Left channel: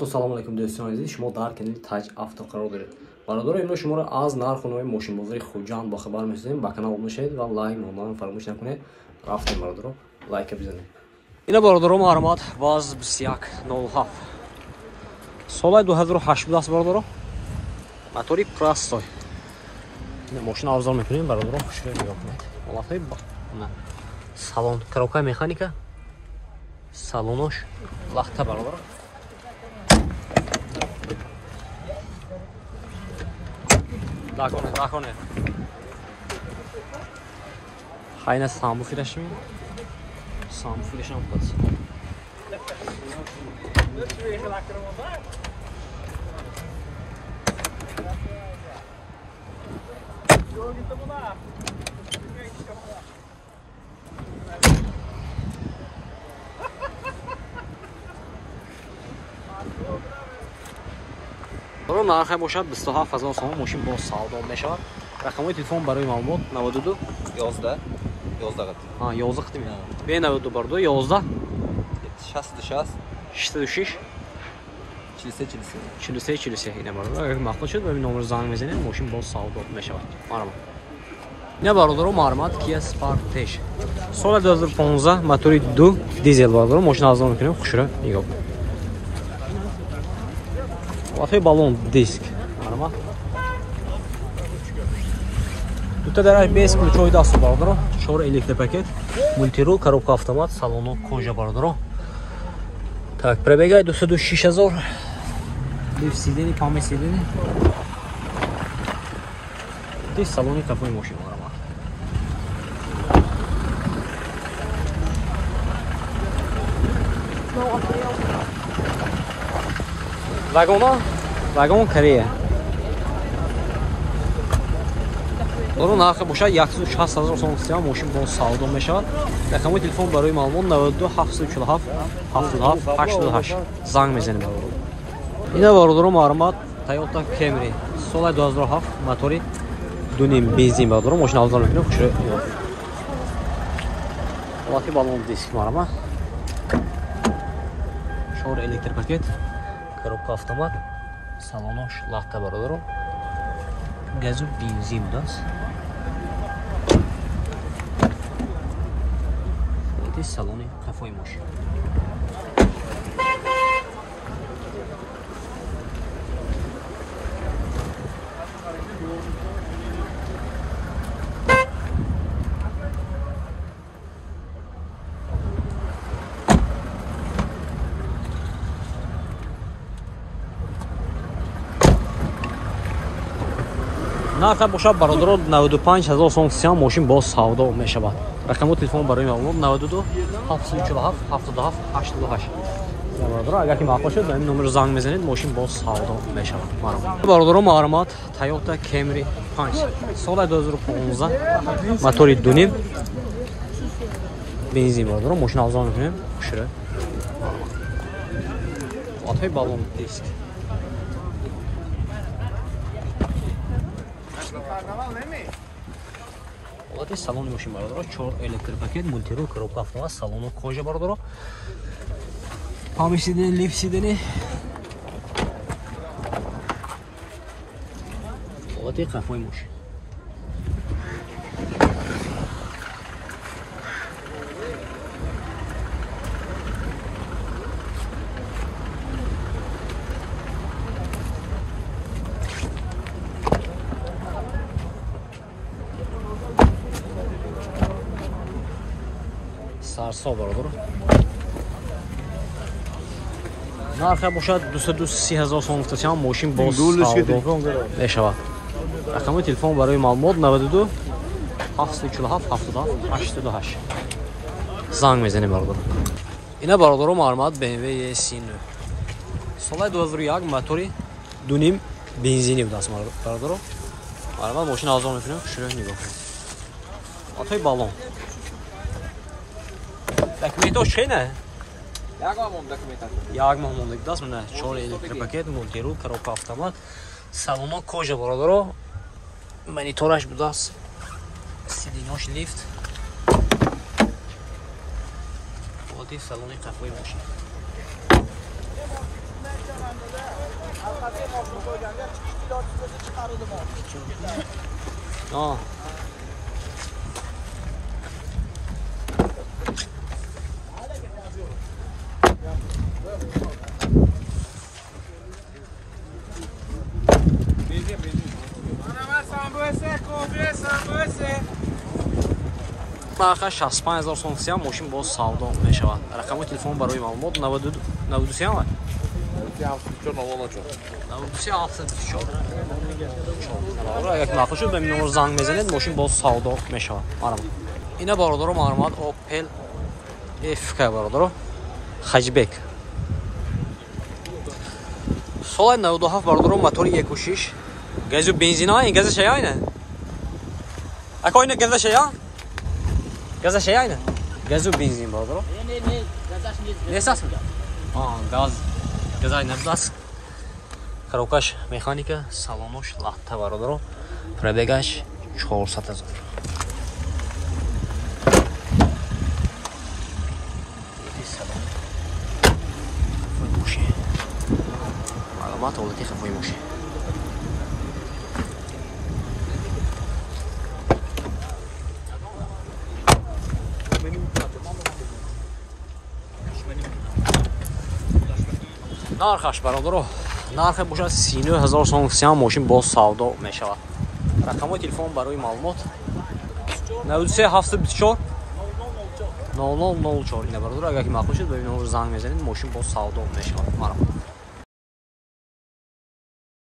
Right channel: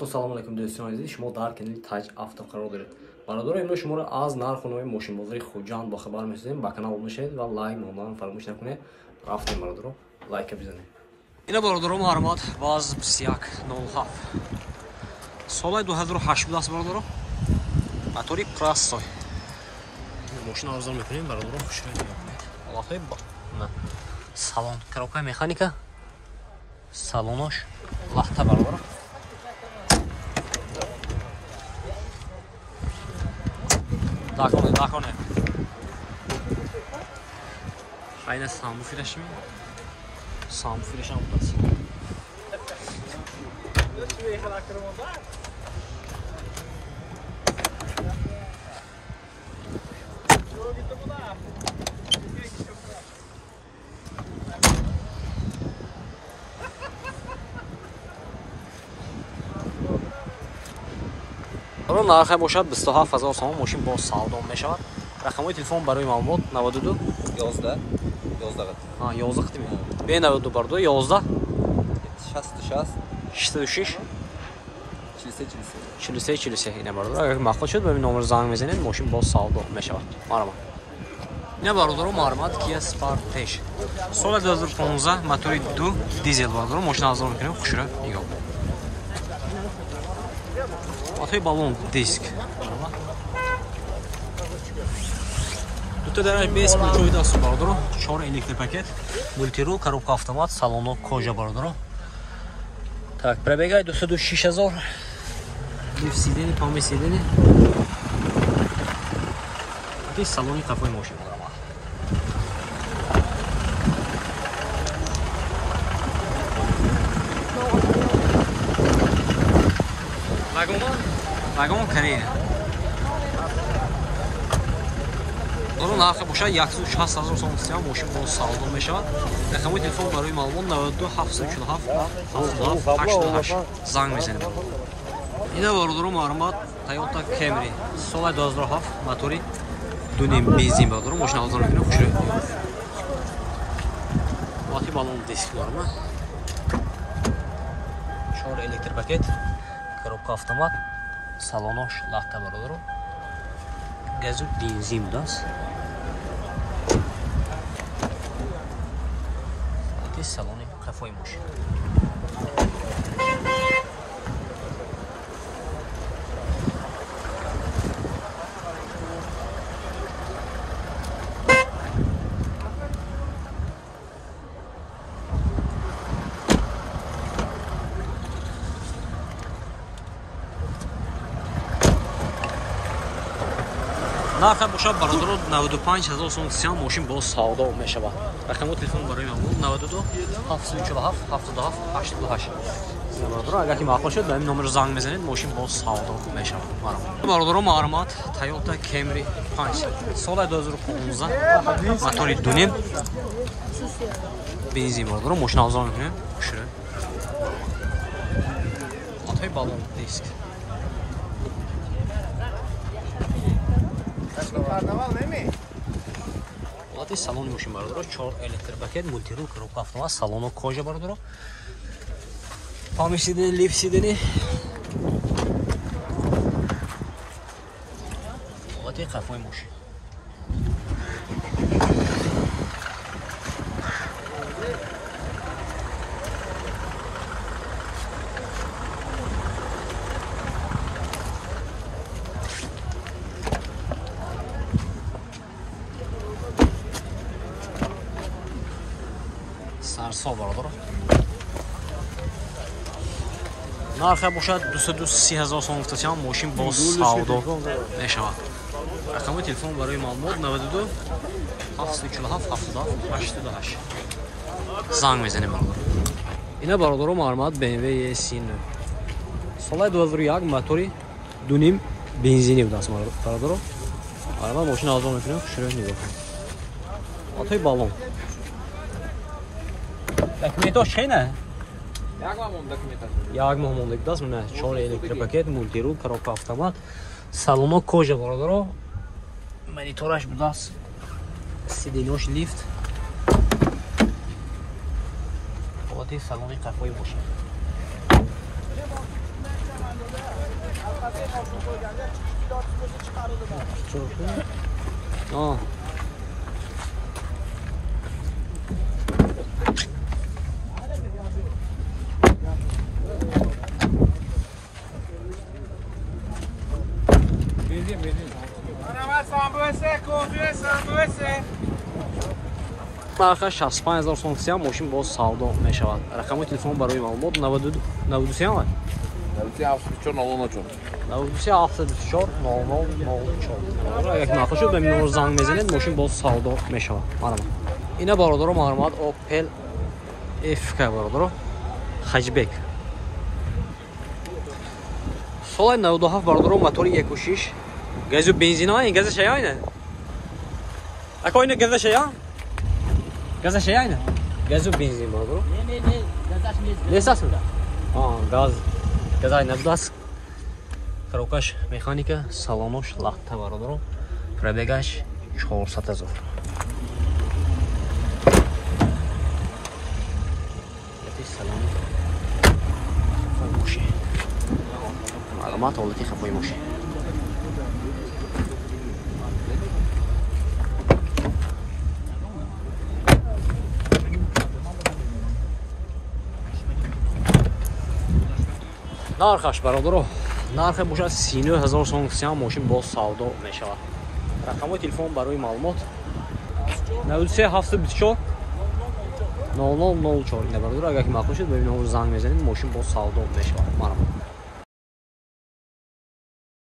Салому алейкум дӯстони азиз, шумо дар канали Taj Auto қарор доред. Бародаро, имрӯз шуморо аз нархунои мошинбозари Хуҷанд бохабар мешавем. Ба канал обуна шавед ва лайк номаро фаромӯш накунед. Рафтем бародаро, лайка бизанед. Ина бародаро маълумот ВАЗ 2107. Соли 2008 буд аст бародаро. Мотори простой. Ина мошина авзал мекунем бародаро, хушро нигоҳ кунед. Ҳолатҳои салон, коробкаи механика, салонош лахта бародаро. Даконе. Хайна самбу фирашми. Самбу фирашам плюс. нархе бошад 27000 сом, мошин бо савдо мешавад. Рақамои телефон барои маълумот 92 11 қитми. Бе 92 бардо 11 66 43 ина бардо. Агар мақсад шуд ба номер занг мезанед, мошин бо савдо мешавад. Марама. Ина бародаро маълумот Kia Sportage. Соли 2015 мотори 2 дизел бародаро, мошин авзал мекунем, хушро нигоҳ кунед. Ватой баллон диск. Марама. Дута дараш без ключой даст бародаро, 4 электропакет, мультирул, коробка автомат, салоно кожа бародаро. Так, пробегай 26000. Лифт сидени, память сидени. Здесь салоне такой мощный марама. Вагон Корея. Баро нархи бошад 160000 сом истиём, мошин бо савдо мешавад. Рақамои телефон барои маълумот 92 747 77 88. Занг мезанем бародаро. Ина бародаро маълумот Toyota Camry. Соли 2007 мотори 2.5 бензин бародаро, мошин авзал мекунем, хушро ёфт. Ҳолати баллон диск марама. 4 электропакет, коробка автомат, салонош лахта бародаро. Газу бензин даст. Салони қафои мошин. нархи бошад бародаро 95000 сом истиём, мошин бо савдо мешавад. Рақамои телефон барои маълумот 92 747 77 88. Я бародаро, агар ки мақсад шуд ба ин номер занг мезанед, мошин бо савдо мешавад. Марама. Бародаро маълумот Toyota Camry 5. Соли 2015 мотори 2.5 бензин бародаро, мошин авзал мекунем, хушро. Марама. Ҳолатҳои баллон диск. Салони мошин бародаро 4 электропакет, мультирул, коробка автомат, салоно кожа бародаро. Память сидени, лифт сидени. Ҳолати қафои мошин. Сарсо бародаро. нархи бошад 230000 сом истиём, мошин бо савдо мешавад. Рақамои телефон барои маълумот 92 747 77 88. Занг мезанем бародаро. Ина бародаро маълумот BMW E39. Соли 2001 мотори 2.5 бензини буд аст бародаро. Маълумот мошин авзал мекунем, хушро нигоҳ кунед. Ҳолатҳои баллон. Документош чӣ не? Як моҳ мондагӣ даст, мана 4 электропакет, мультирул, коробка автомат, салоно кожа бародаро. Монитораш будааст. Сиденош лифт. ҳолати салони қафои мошин. آه آخر 65000 сом сия мошин боз савдо мешавад. Рақами телефон барои маълумот 92 93 агар нафо шуд ба ин номер занг мезанед мошин боз савдо мешавад. Марҳамат. Ина бародаро маълумот Opel FK бародаро Хаҷбек. Соли 97 бародаро мотори 1.6 газу бензина ин газа шаяйна. Ако ина газа шая? Газа шаяйна? Газу бензин бародаро. Несасми? Газ. Газай набдас. Коробкаш механика, салонош лахта бародаро. Пробегаш 400,000. Салони. Фой моши. Маълумот ҳолати хафои моши. нархаш бародаро нархе бошад 39000 сом сиям мошин боз савдо мешавад. Рақамои телефон барои маълумот 93 724 0004 ина бародаро агар ки мақбул шуд ба ин номер занг мезанед мошин боз савдо мешавад. Марҳамат.